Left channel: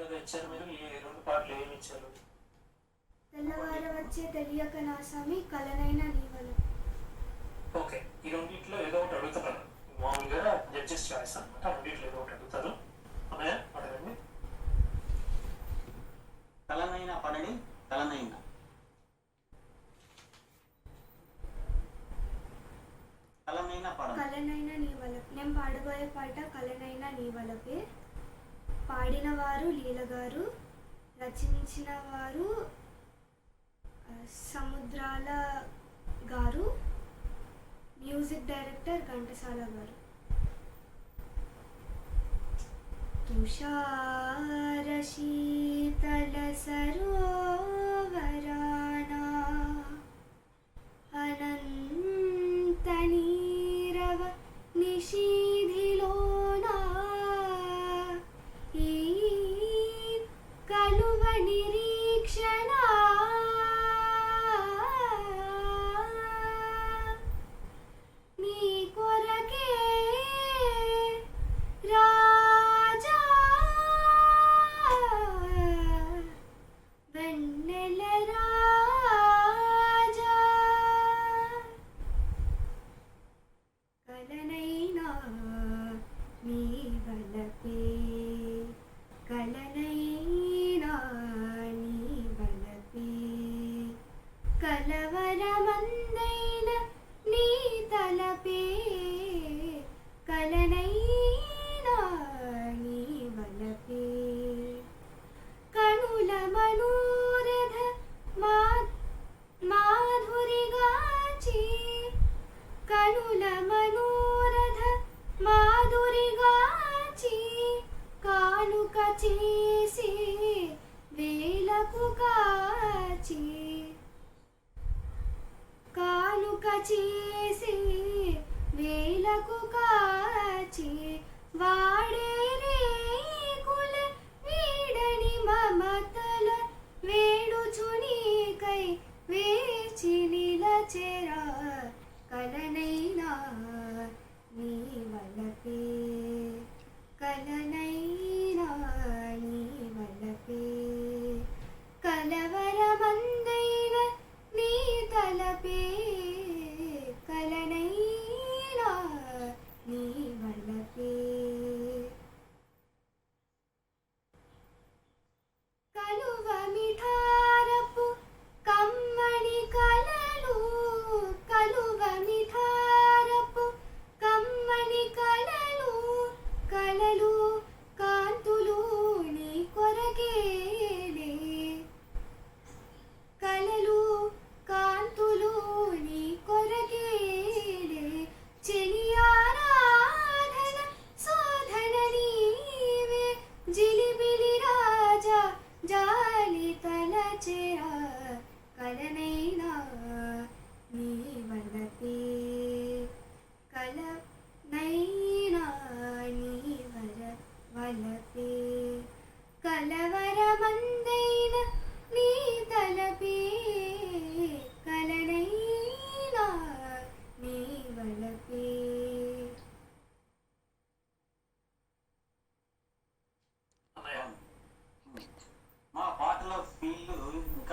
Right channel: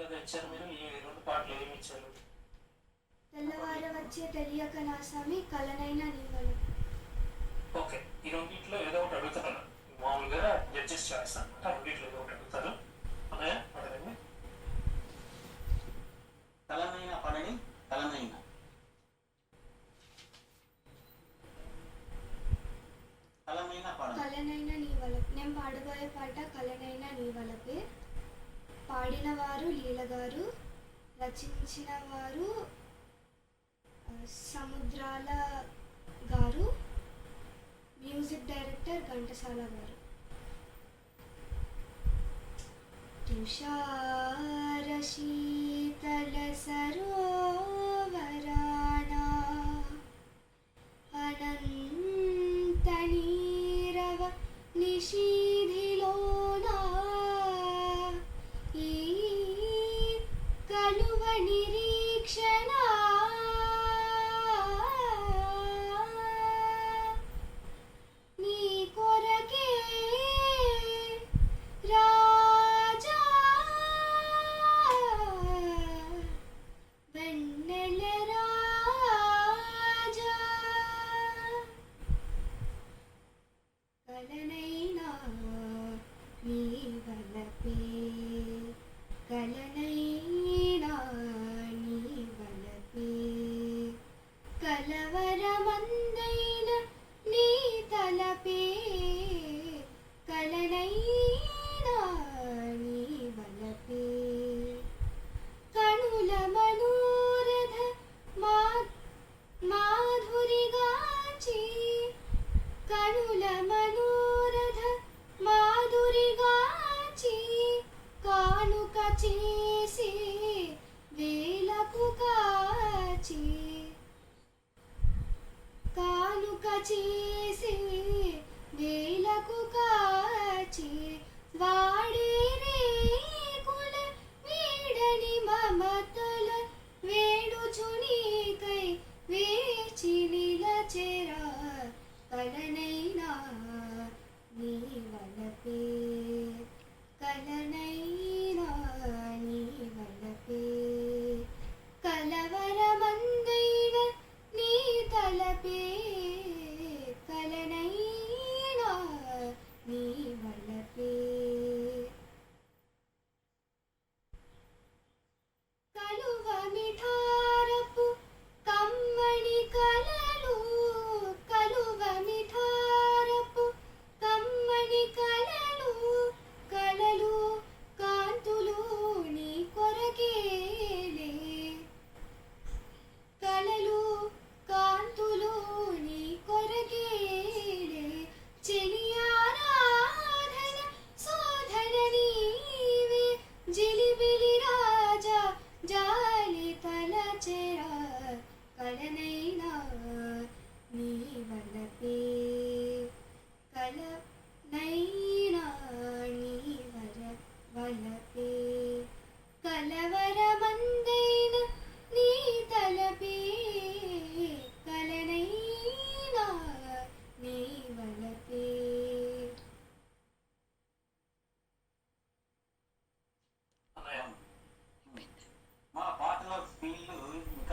కదా ఇచ్చారు మీరు, ఈ రెండు పాటలు ఏమి ఇచ్చారు? తెల్లవార వచ్చే తెలియక నా స్వామి కలనైనా నీవల. ఓకే, ఈ రెండింటిలో ఏదో ఒకటి అడుగుతాను. మామూలుగా జడ్జెస్ చాయిస్ అనమాట. రెండింటిలో ఏదో ఒకటి అడుగుతారు. అన్నయ్య అడగండి. తలనైన పడని తలనైన కలనైనా పడని కలనైనా నీవల. నేను పాడబోయే పాట కలనైనా నీవలపే. పాడిన వారు లీల గారు, రచించిన వారు సముద్రాల గారు, మ్యూజిక్ డైరెక్టర్ ఘంటసాల గారు. తుషార శీతల సరోవరానా అనంత నీరవ నిషీధిలోనా ఈ కలువ నిరీక్షణ నీ కొరకే రాజా వెన్నెల రాజా కలనైనా నీ వలపే కలనైనా నీ వలపే కలవరమందైన నీ తలపే కలనైనా నీ వలపే కనుల మనోరథ మాధురిగాచి కనుల మనోరథ మాధురిగాచి కానుక చేసి వేలకు కాచి కానుక చేసి వేలకు కాచి వాడే రేకుల వీడని మమతల వేడుచునీకై వేచి నిలచెరా కలనైనా నీ వలపే